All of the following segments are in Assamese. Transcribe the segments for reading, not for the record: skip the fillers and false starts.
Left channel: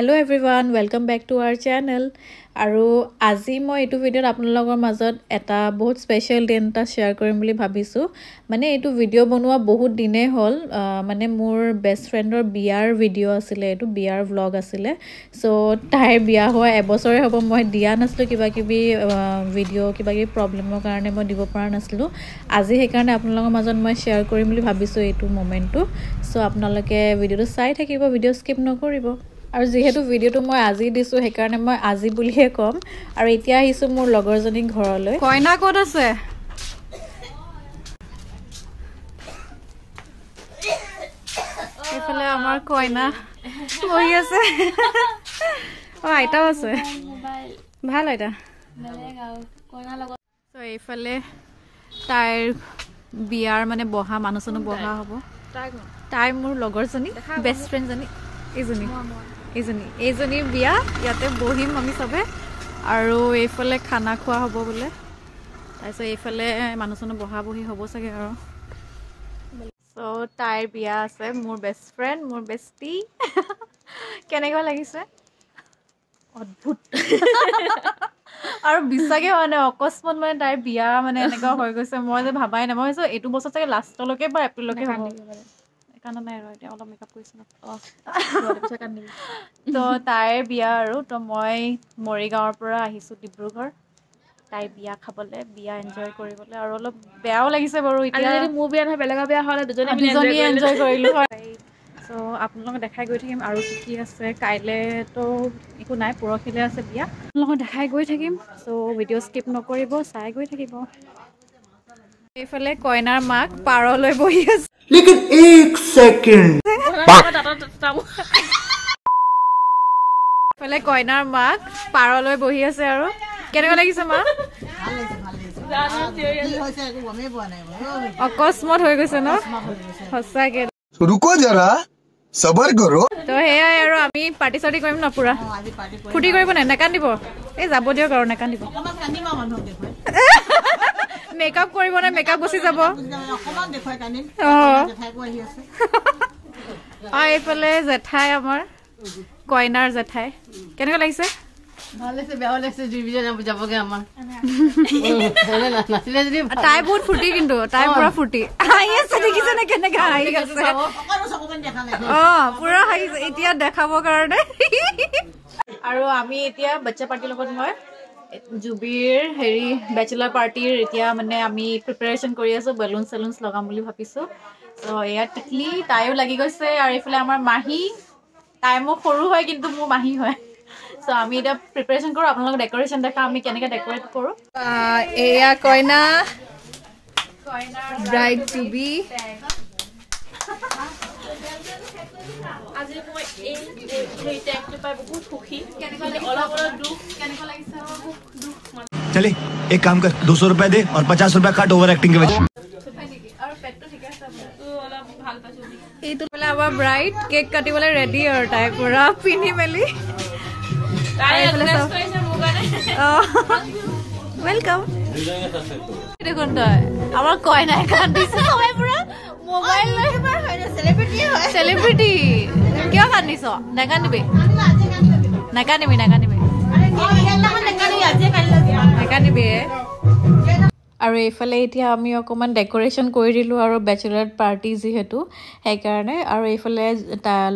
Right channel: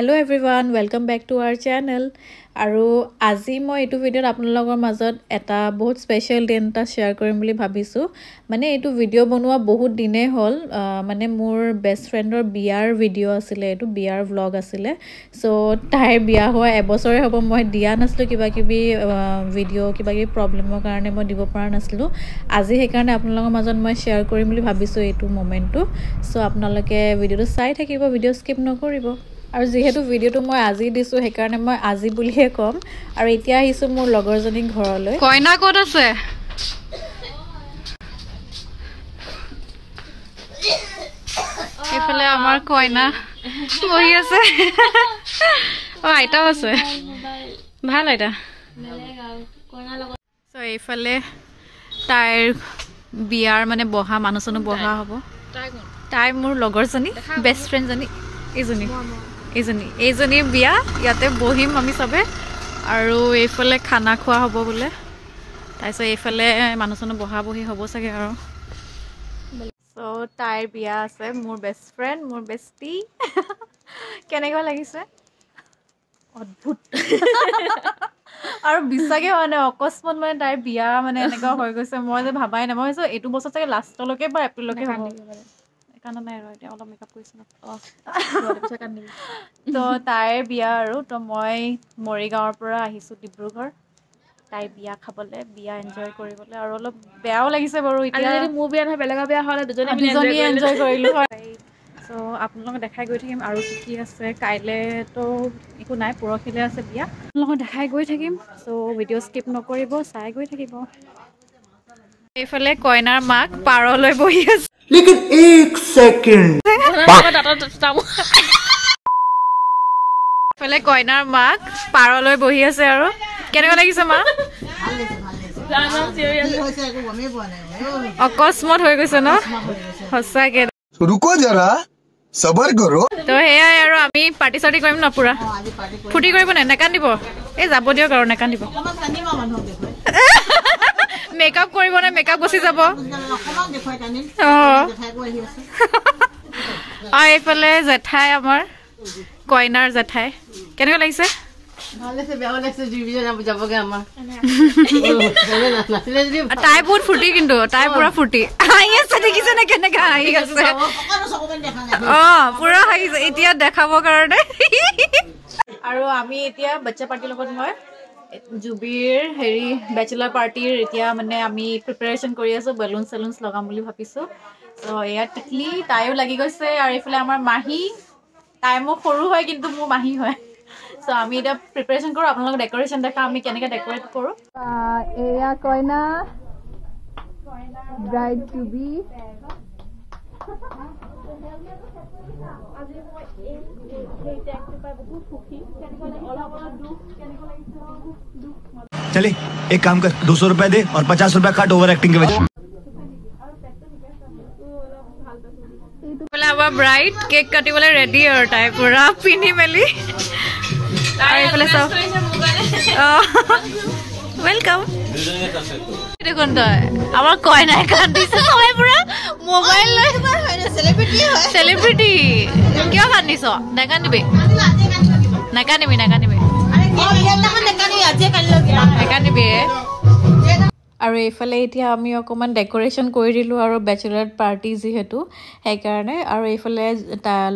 Hello everyone, welcome back to our channel. আৰু আজি মই এইটো ভিডিঅ'ত আপোনালোকৰ মাজত এটা বহুত স্পেশাল দিন এটা শেয়াৰ কৰিম বুলি ভাবিছো মানে এইটো ভিডিঅ' বনোৱা বহুত দিনে হ'ল মানে মোৰ বেষ্ট ফ্ৰেণ্ডৰ বিয়াৰ ভিডিঅ' আছিল এইটো বিয়াৰ ভ্লগ আছিল সো তাইৰ বিয়া হোৱা এবছৰে হ'ব মই দিয়া নাছিলো কিবা কিবি ভিডিঅ' কিবা কিবি প্ৰবলেমৰ কাৰণে মই দিব পৰা নাছিলো আজি সেই কাৰণে আপোনালোকৰ মাজত মই শেয়াৰ কৰিম বুলি ভাবিছো এইটো মোমেন্টটো সো আপোনালোকে ভিডিঅ'টো চাই থাকিব ভিডিঅ' স্কিপ নকৰিব আৰু যেহেতু ভিডিঅ'টো মই আজি দিছো সেই কাৰণে মই আজি বুলিহে কম আৰু এতিয়া আহিছো মোৰ লগৰজনী ঘৰলৈ কইনা ক'ত আছে এফালে আমাৰ কইনা বহি আছে ও আইতাও আছে ভাল আইতা সো এফালে তাইৰ বিয়াৰ মানে বহা মানুহজনো বহা হ'ব তাই মোৰ লগৰজনী বেষ্ট ফ্ৰেণ্ড জনী এইজনী বিয়া ইয়াতে বহিম আমি সবে আৰু এইফালে খানা খোৱা হ'ব বলে তাইছো এইফালে মানুহজনো বহা বহি হ'ব চাগে আৰু সো তাইৰ বিয়া আছে মোৰ বেষ্ট ফ্ৰেণ্ড মোৰ বেষ্টি কেনেকুৱা লাগিছে অদ্ভুত আৰু বিশ্বাসে মানে অকস্মাত মানে তাইৰ বিয়া মানে এনেকুৱা হৈ গৈছে মই যে ভাবাই নাই মই ভাবিছো এইটো বছৰ চাগে লাষ্টলৈকে বা এপ্ৰিললৈকে হ'ব কানা নাই আৰু এতিয়া অলপ মেকআপ কৰিছ ন তো তাইৰ বিয়া আৰু তো মই মৰিগাঁৱৰ পৰা আহিছো ডিব্ৰুগড় তাই বিয়া খাবলে বিয়া এনজয় কৰিবলৈ আৰু অলপ বেয়াও লাগিছে বাৰু এতিয়া যদি মোৰ বিয়া নহয় বেলেগৰ বিয়া হ'লে দুজনী এনজয় কৰিলো হয় সো আপোনালোকক দেখাই গৈ থাকিম আৰু কি আছে কাইলে তো একো নাই পৰহিলে আছে বিয়া আপোনালোকক দেখাই গৈ থাকিম সো ভিডিঅ' স্কিপ নকৰিব চাই গৈ থাকিব এইফালে কইনাৰ মাক পাৰলৈ বহি আছে लेकिन एक सेकंड ফলে কইনাৰ মাক পাৰলৈ বহি আছে আৰু কেনেকুৱা লাগিছে মা অকস্মাত হৈ গৈছে ন সঁচাকে रुको जरा सबर करो তো হেয়াই আৰু আমি পাৰ্টি চাৰ্টি কৰিম ন পুৰা ফুটি কৰিব নাই নেকান্দিব এই যাব দিয়ক আৰু নেকান্দিব মেকআপ কৰিব নাই মেকআপ গুচি যাব এইফালে জেঠাই আমাৰ কইনাৰ জেঠাই কেনেকুৱা লাগিছে তাই বহুত ফুৰ্তি কিন্তু তাই পুৰা ফুৰ্তি হাঁহি আছে দেখিছে নে কেনেকে হাঁহি আছে পুৰা হাঁহিছে এতিয়া দেখাবৰ কাৰণে আৰু আমি এতিয়া বাচ্চা পাৰ্টিৰ লগত মই জুবিৰ হেৰি বেচেলাৰ পাৰ্টিৰ এতিয়া মানে আমি প্ৰিপাৰেচন কৰি আছো বেলুন চেলুন লগাম বুলি ভাবিছো তো এয়া টিকলি তাইও লাগি গৈছে আৰু এইফালে আমাৰ মাহী তাই মোৰ সৰু হয় কিন্তু মোৰ মাহী হয় সো আমি এটা প্ৰিপাৰেচন কৰো আপোনালোক ডেকোৰেচন দেখা আমি কেনেকৈ ডেকোৰেট কৰো এয়া কইনা ব্ৰাইড টু বি আজি মই এই টেকটো পাই বহুত সুখী কেনেকৈ অলপ অলপ দুখ কেনেকৈ লাগিছে দুখ चले एक काम कर 200 रुपए दे और 50 रुपए काट ओवर एक्टिंग के वजह এইটো বলে আমাৰ ব্ৰাইড কেক কাটিবলৈ ৰেডি আৰু তাই পুৰা পিনি মেলি এইফালে সব ওয়েলকাম দেখুন তই আমাৰ কইনাই কান্দিছে সবাই পুৰা মোবাইল লৈ সেলিব্ৰিটি কিয় কান্দিছ নেকান্দিবি আৰু এইফালে এতিয়া আমি অকমান ডেকোৰেচন কৰি দিলো আৰু বেচেলাৰ পাৰ্টি যিহেতু সেইকাৰণে আৰু এইফালে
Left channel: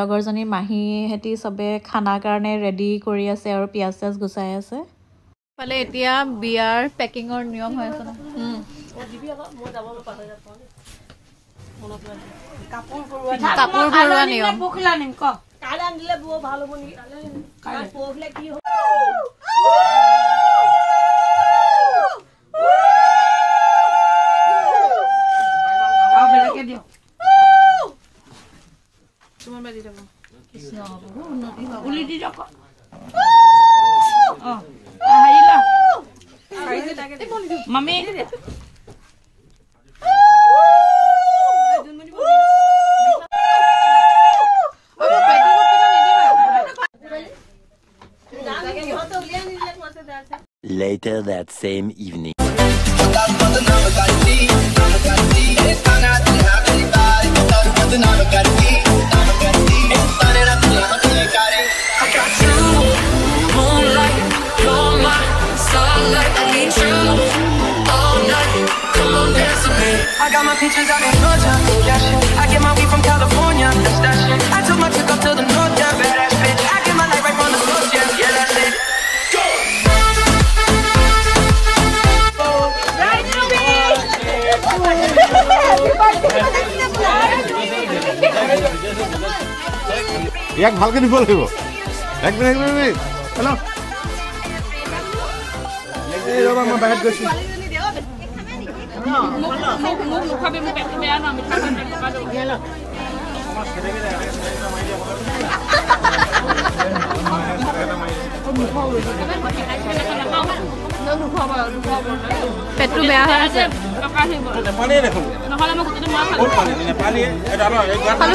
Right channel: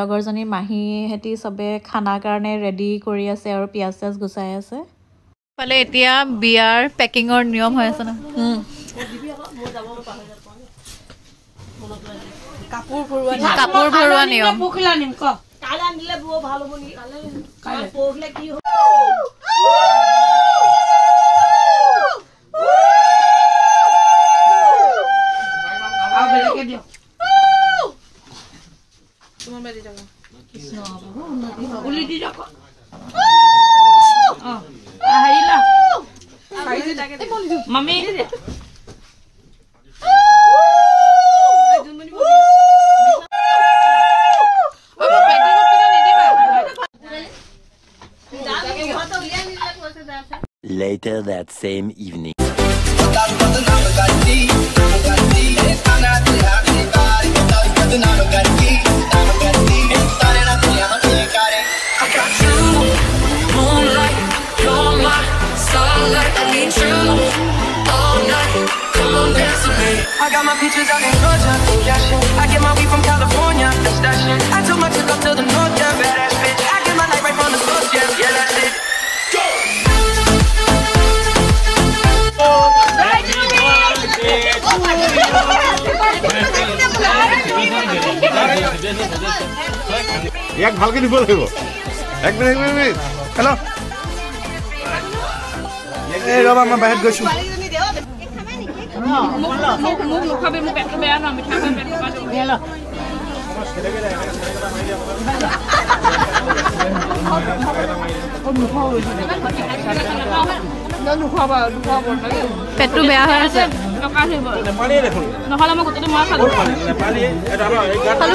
লগৰজনী মাহী হেতি সবে খানা কাৰণে ৰেডি কৰি আছে আৰু পিয়াজ চিয়াজ গুচাই আছে ফালে এতিয়া বিয়াৰ পেকিঙৰ নিয়ম হৈ আছে ন কাপোৰ ভৰোৱা নিয়ম Mami. Later that same evening. I got I got my peaches out in Georgia, oh yeah shit. I get my weed from California, that's that shit. I took my chick up to the north, yeah, badass bitch. I get my light right from the source, yeah, yeah, that's it. Go! Right to me! ইয়াক ভালকে দিব লাগিব এক মিনিট হেল্ল' এই ৰবা মই বাহিৰত গৈছো পেটটো বেয়া হৈ আছে নহ'লে মই গোটেইটো মই খালো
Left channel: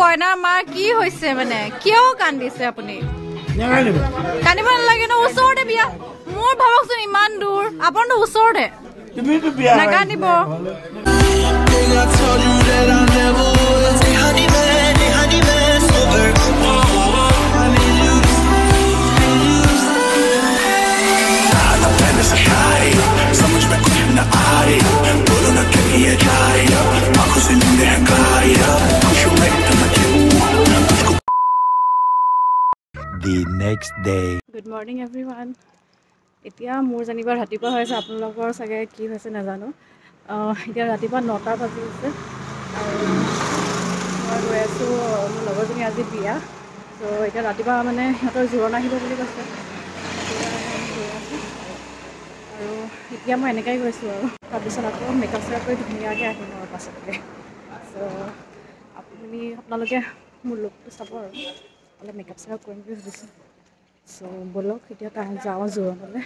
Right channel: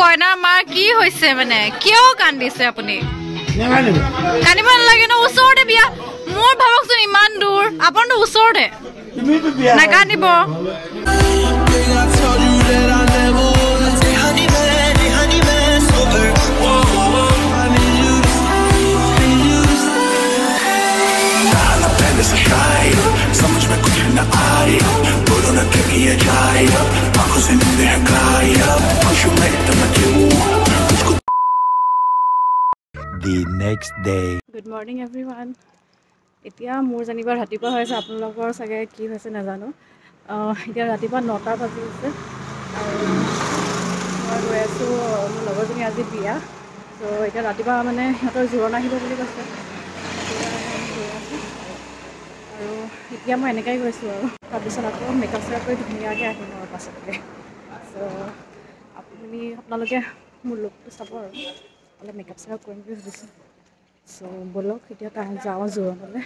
কইনা মাৰ কি হৈছে মানে কিয় কান্দিছে আপুনি কান্দিব নালাগে ন ওচৰতে বিয়া মোৰ ভাবকচোন ইমান দূৰ আপোনাৰতো ওচৰতে নাকান্দিব समझ में कुछ न आए बोलो न कि ये जाए अब आंखों से नींद है गायब खुशी में इतना क्यों मुझको The next day. Good morning everyone. এতিয়া মোৰ জানিবাৰ ৰাতিপুৱা হৈছে আপোনালোকৰ চাগে কি হৈছে নাজানো এতিয়া ৰাতিপুৱা 9টা বাজি আছে আৰু মই গৈ আছোঁ মোৰ লগৰজনী আজি বিয়া চ' এতিয়া ৰাতিপুৱা মানে সিহঁতৰ জোৰণ আহিব বুলি কৈছে আৰু এতিয়া মই এনেকৈ গৈছোঁ আৰু তাৰপিছত আকৌ মেকআপ চেকআপ কৰি ধুনীয়াকৈ আহিম আৰু পাছতকৈ চ' আপোনালোকে মোৰ লুকটো চাব আৰু অলপ মেকআপ চেকআপ কৰিম বুলি ভাবিছোঁ চ' ব'লক এতিয়া যাওঁ জোৰণলৈ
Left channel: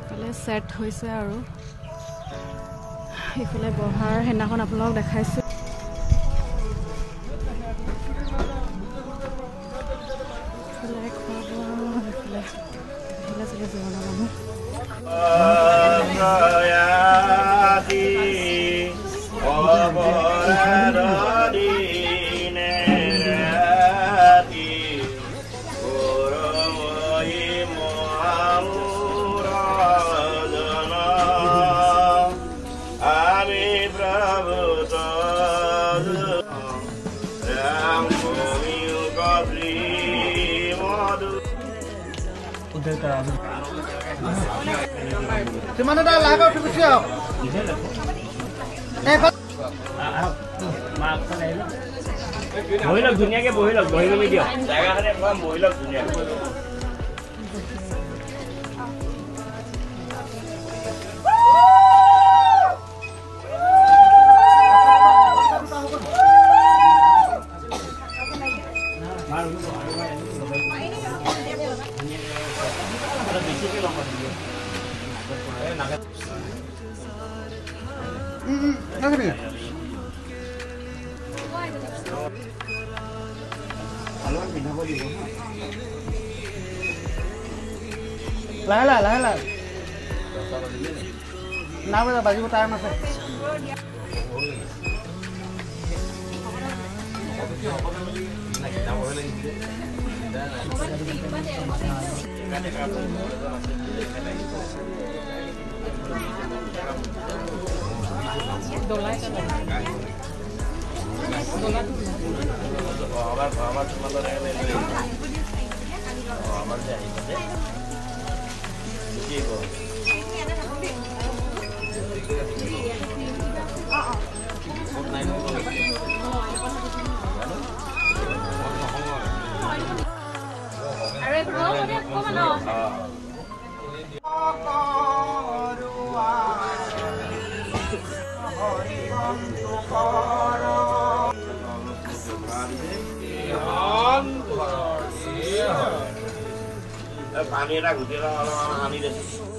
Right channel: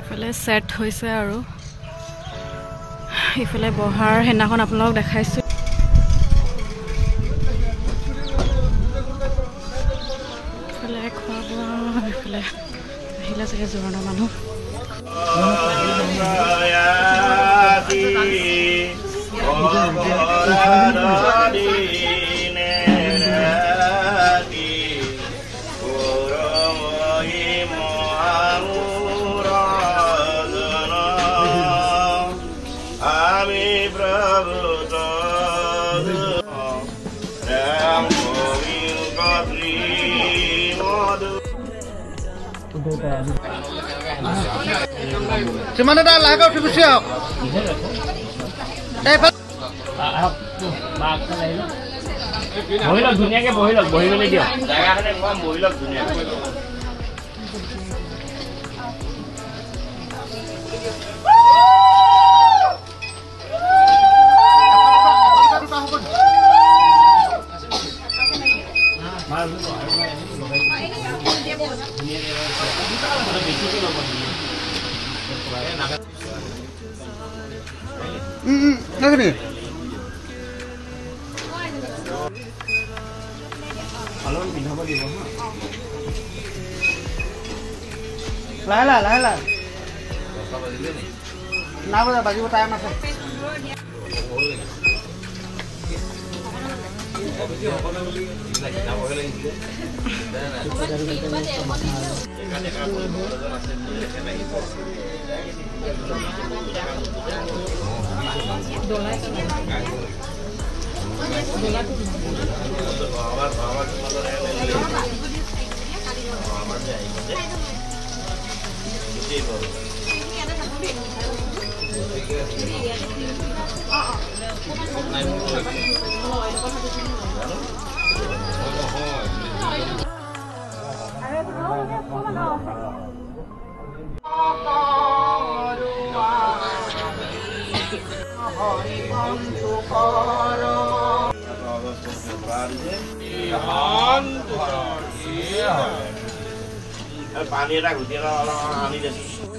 ইফালে ছেট হৈছে আৰু ইফালে বহাৰ সেইদিনাখন আপোনালোকক দেখাইছোঁ ইফালে খোৱা বোৱা ইফালে আহিলে চাগে জোৰণৰ মানুহ Cuman ada lah kau cukup siap. বহিলক ধুনীয়াকে বহিলক বহিবলৈ দিয়ক জেগাখনে কম বহিলক ধুনীয়াকে Lah. Kenapa baju time masuk?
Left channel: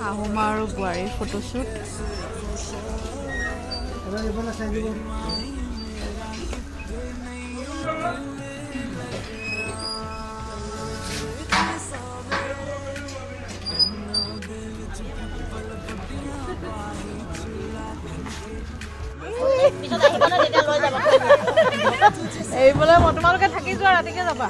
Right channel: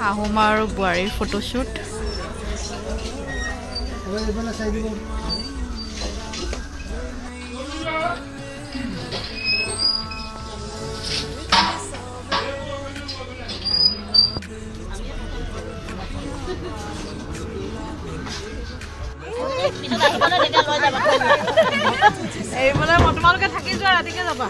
Ahom আৰু বোৱাৰীৰ ফটোশ্বুট এইফালে তোমালোকে থাকি যোৱা ৰাতিকে যাবা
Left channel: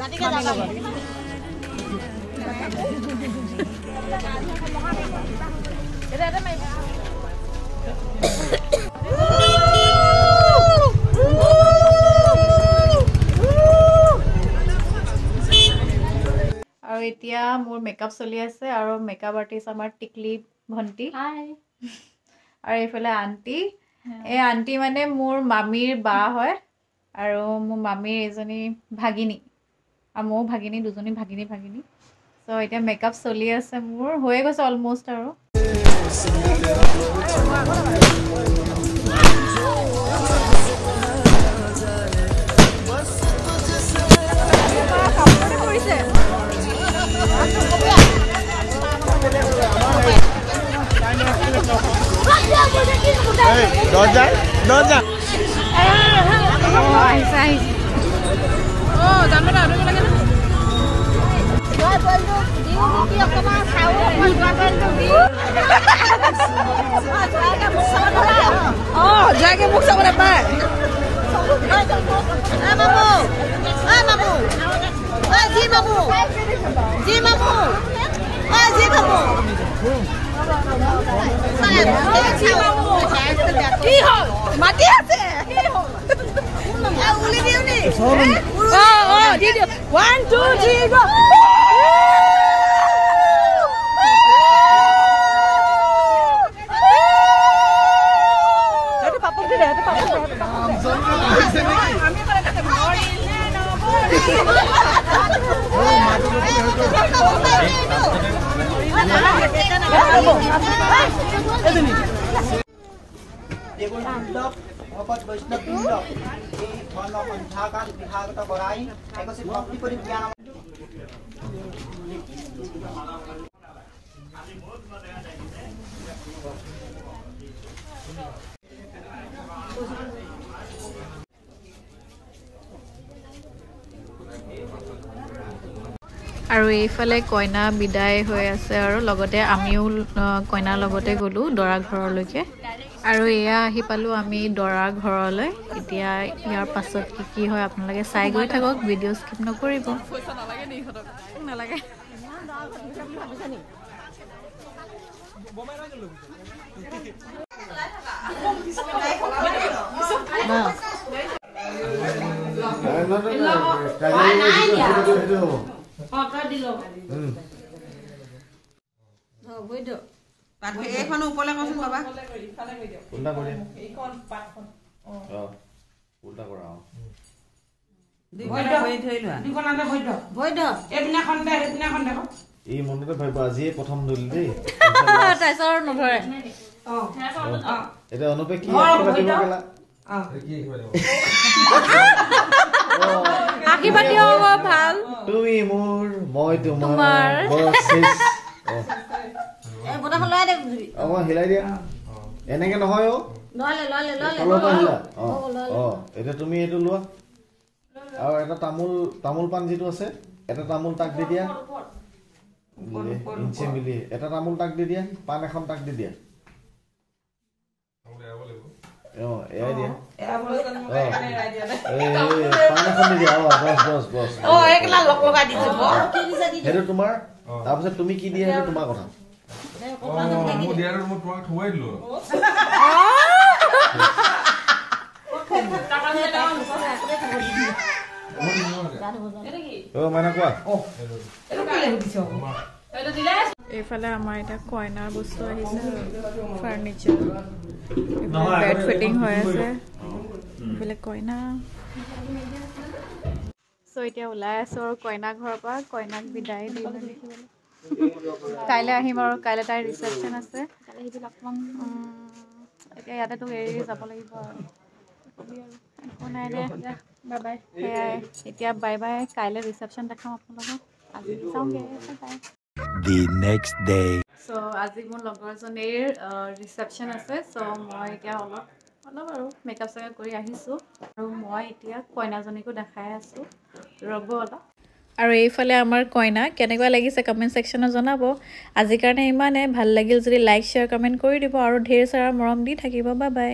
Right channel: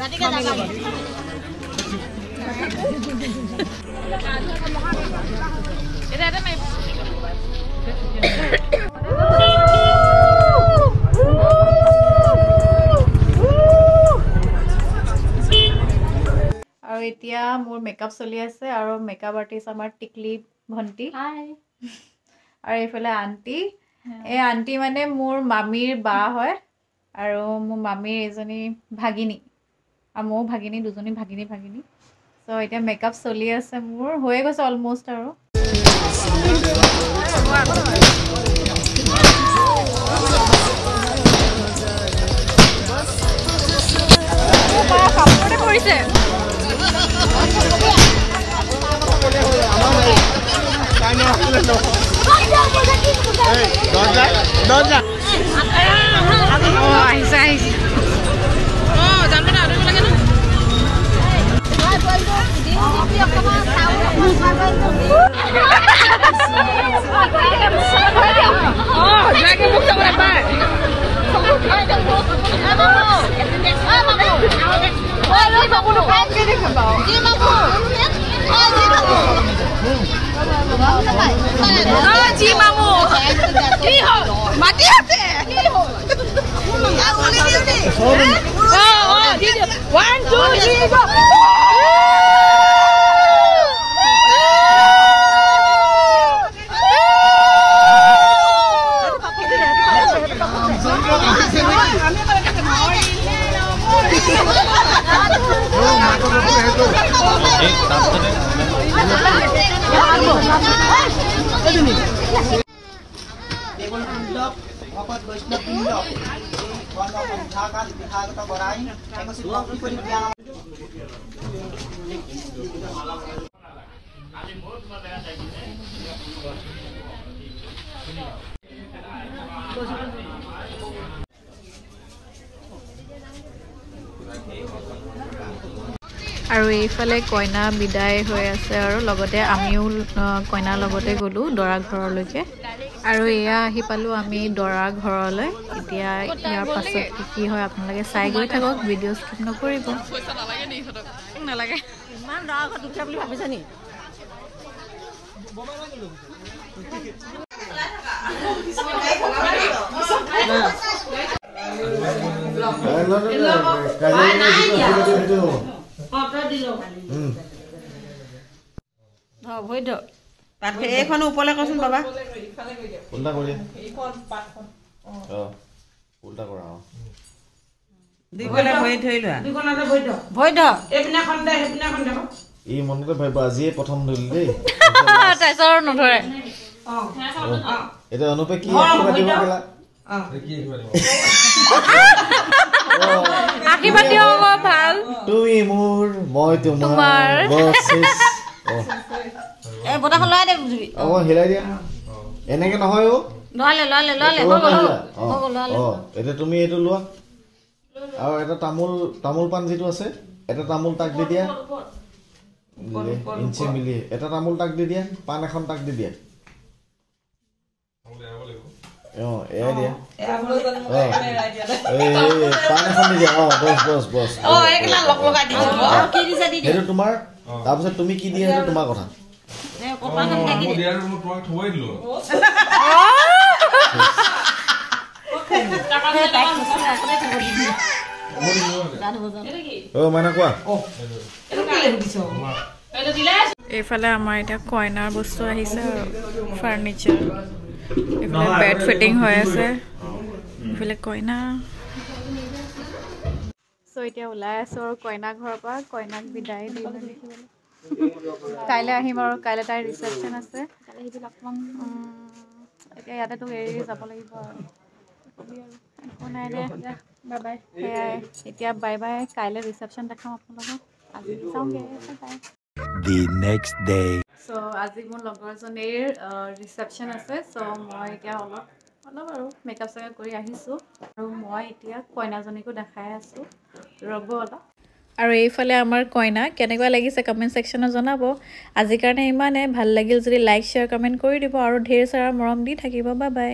আৰু এতিয়া মোৰ মেকআপ চলি আছে আৰু মেকআপ আৰ্টিষ্ট আমাৰ টিকলি ভণ্টি আৰু এইফালে আণ্টি এই আণ্টি মানে মোৰ মামীৰ বা হয় আৰু মোৰ মামীৰ এজনী ভাগিনী আৰু ময়ো ভাগিনী দুজনী ভাগিনী চ' এতিয়া মেকআপ চলি আছে মোৰ হৈয়ে গৈছে অলমষ্ট আৰু কাপোৰতে কৰিছে আহিছে মাটি আছে One, two, three, go! আৰু এইফালে কইনা বিদায় হৈ আছে আৰু লগতে আমিও কইনাৰ লগতে গ'লো দৰা ঘৰলৈকে আৰু এয়া আহি পালো আমি দৰা ঘৰলৈ এতিয়া ইয়াৰ পাছত কি হয় আপোনালোকে চাই গৈ থাকক ভিডিঅ' স্কিপ নকৰিব নালাগে ইমান দৰা ঘৰত উঠা বুলি ভাবিছা নি এইখন ওপৰলৈ কৈছোন বাবা উল্টা কৰি উল্টা কৰা এই মনকে ভাবিব আজিয়ে প্ৰথম ধৰিল দেই তাৰপিছত নধৰে এতিয়া অনুপে কি আশীৰ্বাদ দিব ভাল তুমি মোৰ মই তোমাৰ হিলাই দিয়া এনেকে নহয় এতিয়া তুমি এইটো লোৱা আৰু এটা তামোল পাণ যিটো আছে এটা তামোল তাক দি দিয়া ইঞ্চি মিলি এটা তামোল তাক দি দিয়া পাণ এখন তাক দি দিয়া এয়া দিয়া পাণ এখন দি দিয়া বছ সেইটো তোমাৰ তাৰপিছত তুমি কি দিয়া সেইটো তোমাৰ কথা এইফালে আমাৰ এতিয়া কইনাৰ বস্তু আহিছে আৰু ফাৰ্নিচাৰ এইফালে বেড ফিটিং হৈ আছে এইফালে কইনা চ' এতিয়া ওলাই আছো আৰু কইনা ঘৰৰ পৰা কইনাক বিদায় দি কাইলৈ আহিম আৰু কাইলৈ তাইৰ ৰিচেপশ্যন আছে এতিয়া ইয়াতে তোক এৰি যাব লাগিব আৰু একো নাই দে বাই বাই সেয়াই এতিয়া বাই বাই কাইলৈ ৰিচেপশ্যন দেখাম আপোনালোকক আজি যাওঁগৈ বাই The next day. চ' আজি মোৰ লগৰজনীৰ ৰিচেপশ্যন আছে চ' মই এতিয়া অলপ আৰু মেকআপ চেকআপ কৰি আহিছোঁ আৰু মই এতিয়া কইনাজনীকো দেখাই আছোঁ ৰ'ব অলপ আৰু এইফালে আমাৰ কইনা কেনেকুৱা লাগিছে কমেণ্ট ছেকশ্যনত জনাব আজিৰ কাৰণে ইমানে ভাল লাগিল যদি লাইক শ্বেয়াৰ কমেণ্ট কৰি দিব আৰু ঢেৰ চাৰা মৰম দি থাকিব বাই বাই